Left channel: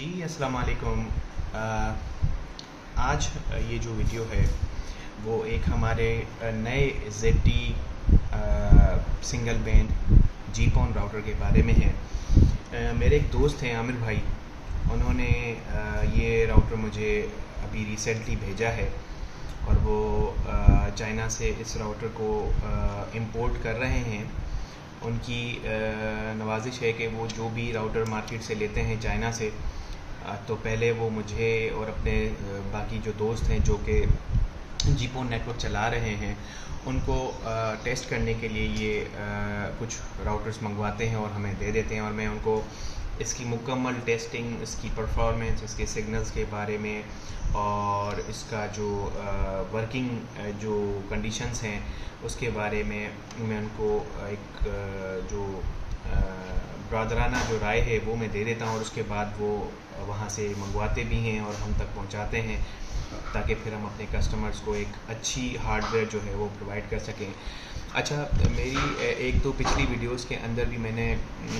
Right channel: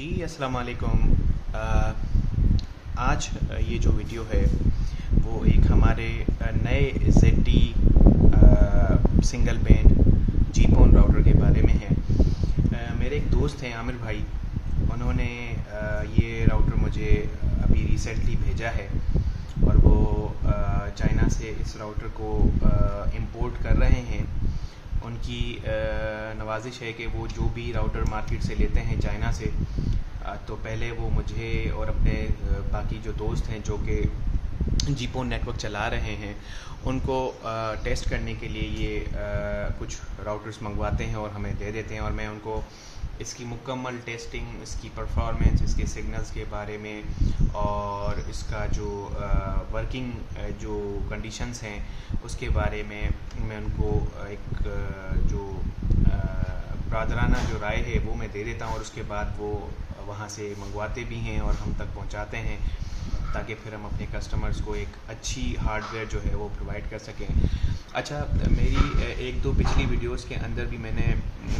जी अस्सलाम वालेकुम। आज ये जो वीडियो है वो एक हमारे नए ZT सिंगल बैंड जीपॉन राउटर के बारे में है। मेरे एक दोस्त हैं आमिर भाई, उन्होंने ये राउटर मुझे अभी रिसेंटली भेजा है और वो चाइना से इस राउटर को इंपोर्ट कर रहे हैं। उनकी नवाजिश है कि वो जो भी राउटर मार्केट से लेते हैं चाइना से, तो पहले वो मुझे और अपने बाकी जो दोस्त हैं जो कि जीपॉन नेटवर्क चला रहे हैं उनको टेस्ट करने के लिए ये कुछ राउटर्स मंगवाते हैं और हमें दे देते हैं, और मैं उनको इसकी मुकम्मल टेस्टिंग, इसकी परफॉर्मेंस, इसके सिग्नल्स के बारे में और इसका जो वर्किंग जो कंडीशंस हैं उसके बारे में मैं उनको एक जो ब्रादराना जो राय है वो मैं दे देता हूँ, और उसके बाद वो वहाँ से मंगवाते भी हैं और हम तक पहुँचाते हैं ताकि फिर हम अपने कस्टमर्स को एक अच्छी हार्डवेयर जो है वो प्रोवाइड कर सकें। अच्छा, मेरी एक दो पिछली वीडियोस के अंदर भी मैंने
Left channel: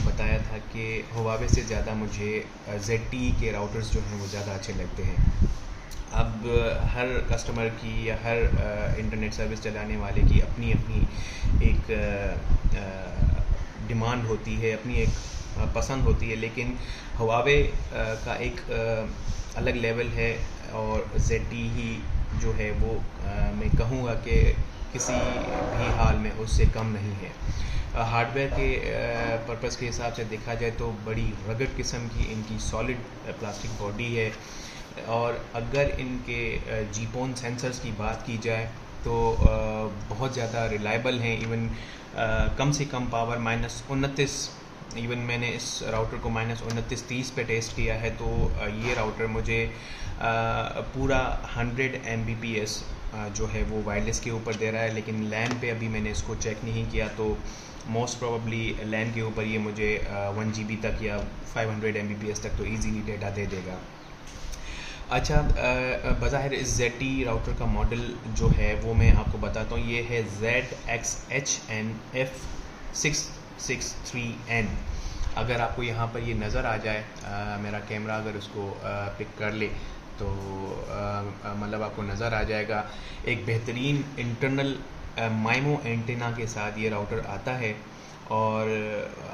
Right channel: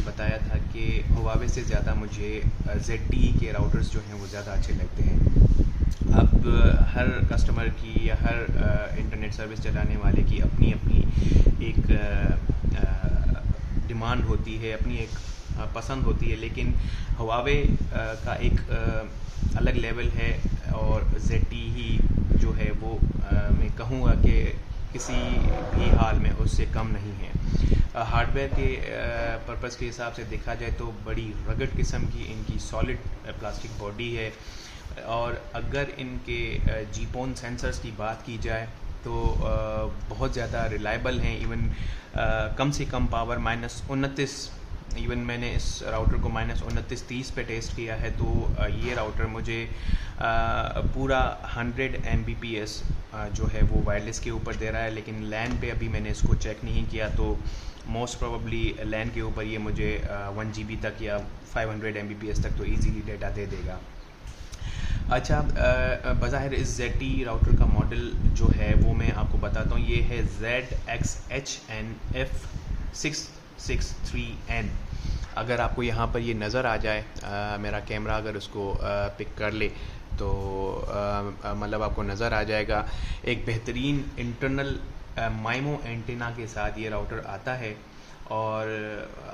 बताया था कि हुआवे से ज़्यादा मुझे ZTE के राउटर्स जो हैं वो ज़्यादा अच्छे लगते हैं। अब हर कस्टमर की या हर इंटरनेट सर्विस चलाने वाले की अपनी अपनी एक डिमांड होती है, अपनी एक पसंद होती है, लेकिन हुआवे का एक अलग लेवल है और ZTE जो है वो मैं कहूँगा कि किसी भी हाल में उससे कम नहीं है। हार्डवेयर के पर्पस के हिसाब से देखा जाए तो बड़ी रगड़ किस्म की इनकी सॉलिड प्लास्टिक बॉडी है, और अगर इनके जीपॉन सेंसर्स की बात की जाए तो बहुत ज़्यादा रिलायबल हैं। इवन कम से कम पावर -29, इवन मैंने इस राउटर को -29-30 पे टेस्ट किया है, तो ये राउटर मुझे पूरा 100 Mbps जो है वो वायरलेस के ऊपर दे रहा है, लेकिन लैन पे अभी मैंने इसको चेक नहीं किया, तो मोस्ट प्रोबेबली लैन के ऊपर ये मुझे 1 GB तक या 500 Mbps तक तो ईजीली डेटा दे देगा। अच्छा, बज़ाहिर इस ZTE राउटर का मॉडल जो है वो मैं आपको बताता हूँ। ये है ZXHNF663N। अगर आपको यहाँ पर ये नज़र आ जाए, मेरा कैमरा अगर उसको पिक कर ले तो मतलब आपको नज़र आ जाएगा। एक बेहतरीन इंटरनल माइमो एंटेना के साथ ये राउटर आता है, और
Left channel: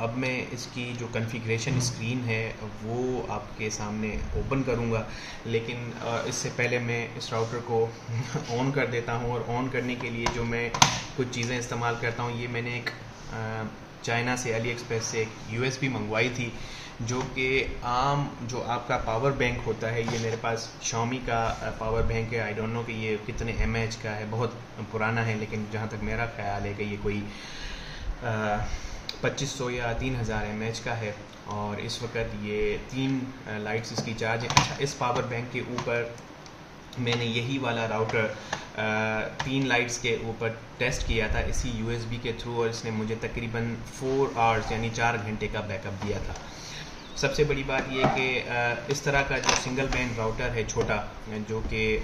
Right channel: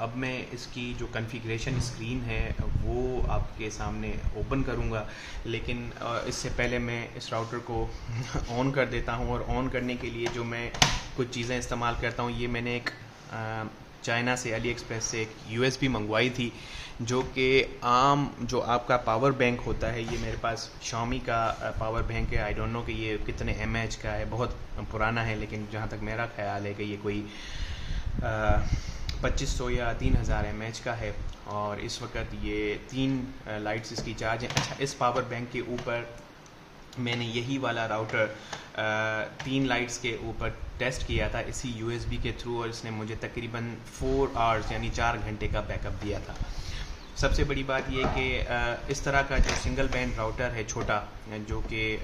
अब मैं इसकी जो कॉन्फ़िगरेशन स्क्रीन है वो आपके सामने ओपन करूँगा, लेकिन इससे पहले मैं इस राउटर को ऑन कर देता हूँ। और ऑन करने के लिए जो मैं कुछ चीज़ें इस्तेमाल करता हूँ, ये मैंने एक चाइना से अली एक्सप्रेस से एक USB मंगवाई थी, जो कि आम जो आपका पावर बैंक होता है, ये मेरे पास Xiaomi का पावर बैंक है। आई डोंट नो कि ये कितने mAh का है, बहुत पुराना है, लेकिन जहाँ तक मेरा ख्याल है कि ये कोई 2500 या 3000 mAh का है, और इस वक्त ये 3 लाइट्स इसकी चार्ज है। अच्छा, इस पावर बैंक के ऊपर मैंने यही वाला राउटर 3 लाइट्स के ऊपर टेस्ट किया था इसी USB के थ्रू, और इसने मुझे तकरीबन 4 आवर्स यानी 4 घंटे का बैकअप दिया था। सबसे बड़ी बात यह कि इस तरह का जो सिंगल बैंड राउटर है छोटा, जो कि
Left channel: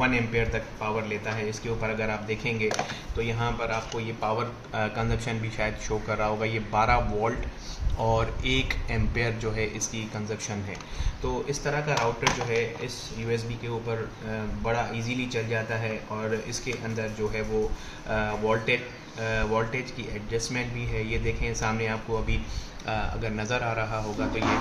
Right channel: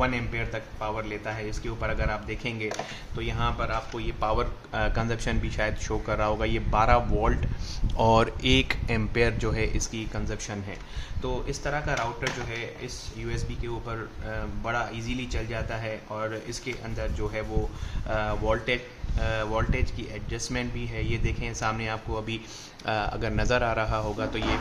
1 एम्पेयर तक पावर लेता है, इसके ऊपर अगर आप देखेंगे तो यहाँ पर आपको ये पावर कंजप्शन भी शायद शो कर रहा होगा। ये 12 वोल्ट और 1 एम्पेयर जो है इसकी कंजप्शन है। तो इस तरह का राउटर जो है इस USB के ऊपर बड़ा इजीली चल जाता है, और इसके अंदर जो है वो वोल्टेज की एडजस्टमेंट भी है। ये देखें सामने आपको अभी अगर नज़र आ रहा होगा तो ये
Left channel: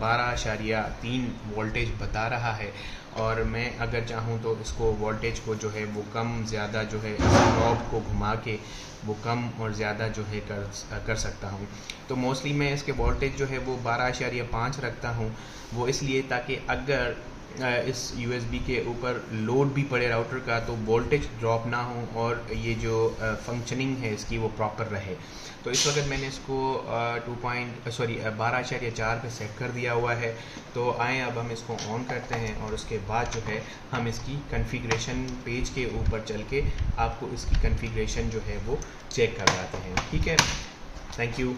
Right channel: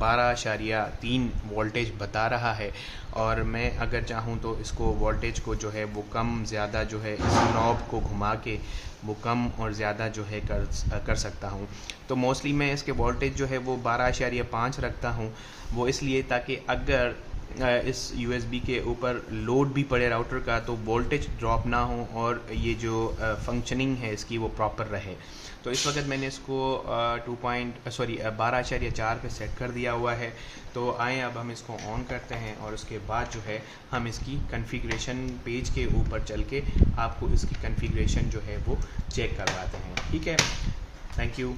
12.3 वोल्टेज बता रहा है, और मैं अगर चाहूँ तो इसको वोल्टेज को जो है वो कम ज़्यादा जो है इस नॉब को घुमा के वो कम और ज़्यादा जो है कर सकता हूँ। तो मोस्टली मैं इसके वोल्टेज जो है वो 12.5 रखता हूँ, वो इसलिए ताकि अगर इस USB के ऊपर लोड भी पड़े राउटर का तो वोल्टेज ड्रॉप ना हो और ये जो फंक्शनिंग है इसकी वो प्रॉपर रहे। तो इस वक्त मैंने इसको 12.4 पे सेट कर दिया हुआ है। तो आए अब हम इसको ऑन करते हैं, और उसके बाद जो है हम इसकी कॉन्फ़िगरेशन पेज के ऊपर चल के आपको इसकी कॉन्फ़िगरेशन जो है वो चेक करवाते हैं। ठीक है, थैंक यू।